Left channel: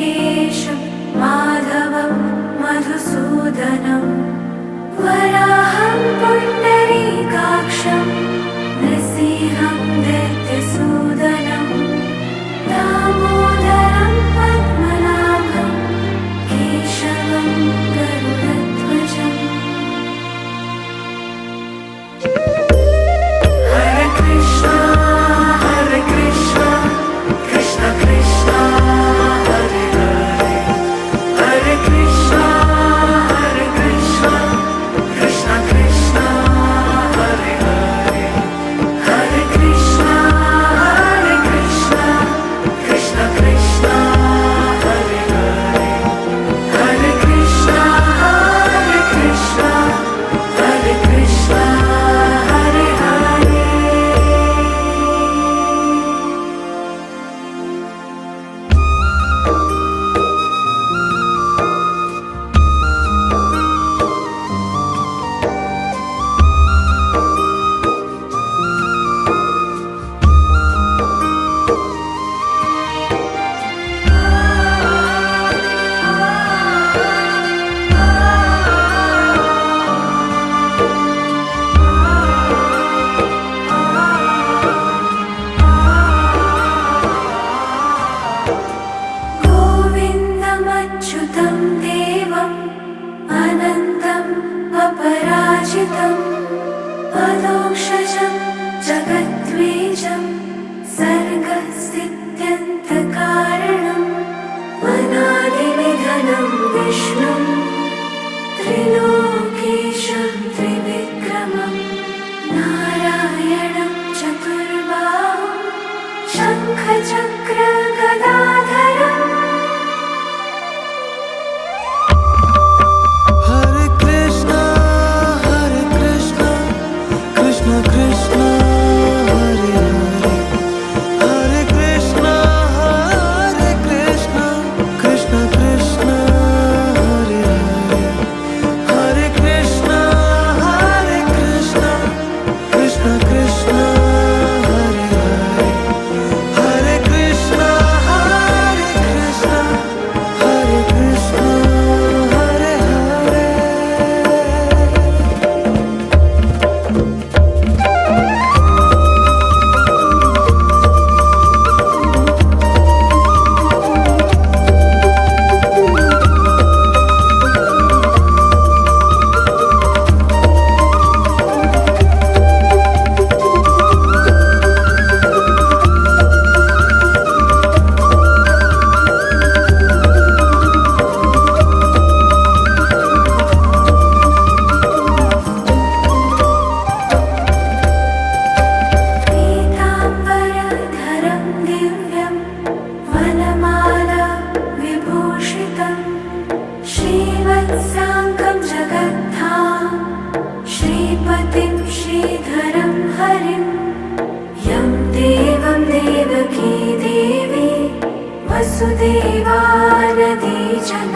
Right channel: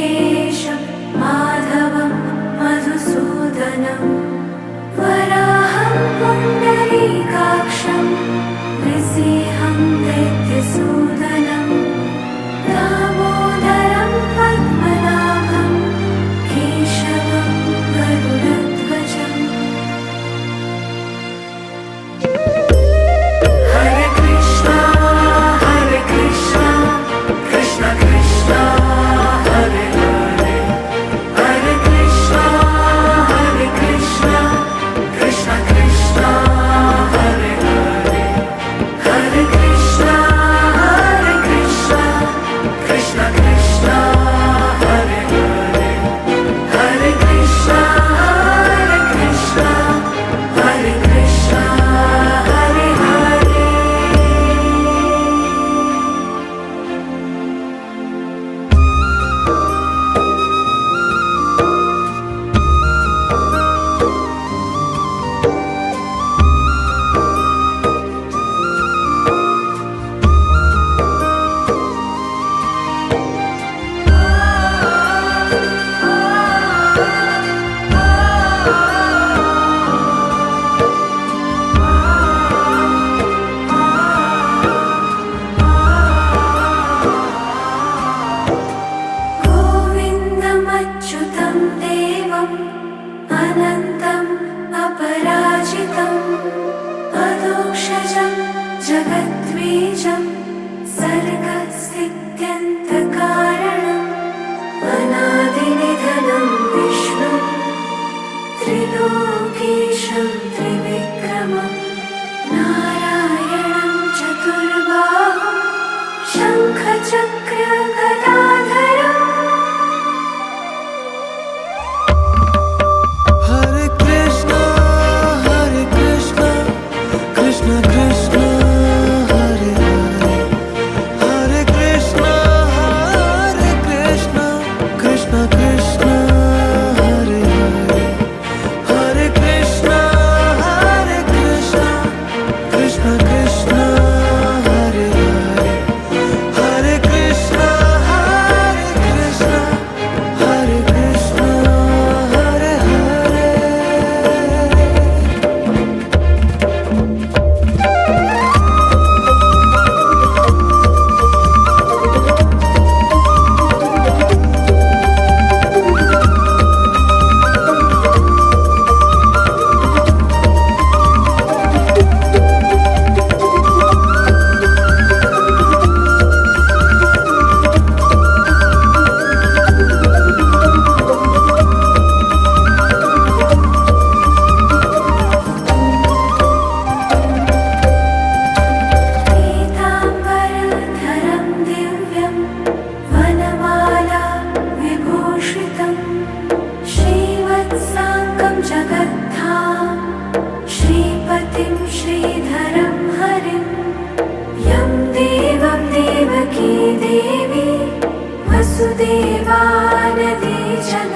ऋषिकेशं माधवं मधुसूदनं वराहं पुण्डरीकाक्षं नृसिंहं दैत्यसूदनं दामोदरं पद्मनाभं केशवं गरुडध्वजम्। हरे कृष्णा कृष्ण कृष्ण हरे हरे, हरे कृष्णा कृष्ण कृष्ण हरे हरे, हरे कृष्णा कृष्ण कृष्ण हरे हरे, हरे कृष्णा हरे कृष्ण हरे हरे। गोविन्दमच्युतं देवम् अनन्तम् अपराजितम् अदोक्षजं जगद्बीजं सर्गस्थित्यन्तकारणम् अनादिनिधनं विष्णुं त्रिलोकेशं त्रिविक्रमं नारायणं चतुर्बाहुं शङ्खचक्रगदाधरम्। हरे कृष्णा कृष्ण कृष्ण हरे हरे, हरे कृष्णा कृष्ण कृष्ण हरे हरे, हरे कृष्णा कृष्ण कृष्ण हरे हरे, हरे कृष्णा हरे कृष्ण हरे हरे। पीताम्बरधरं दिव्यं वनमाला विभूषितं श्रीवत्साङ्गं जगद्धाम श्रीपतिं श्रीधरं हरिं यं देवं देवकी देवी वसुदेवानदी जन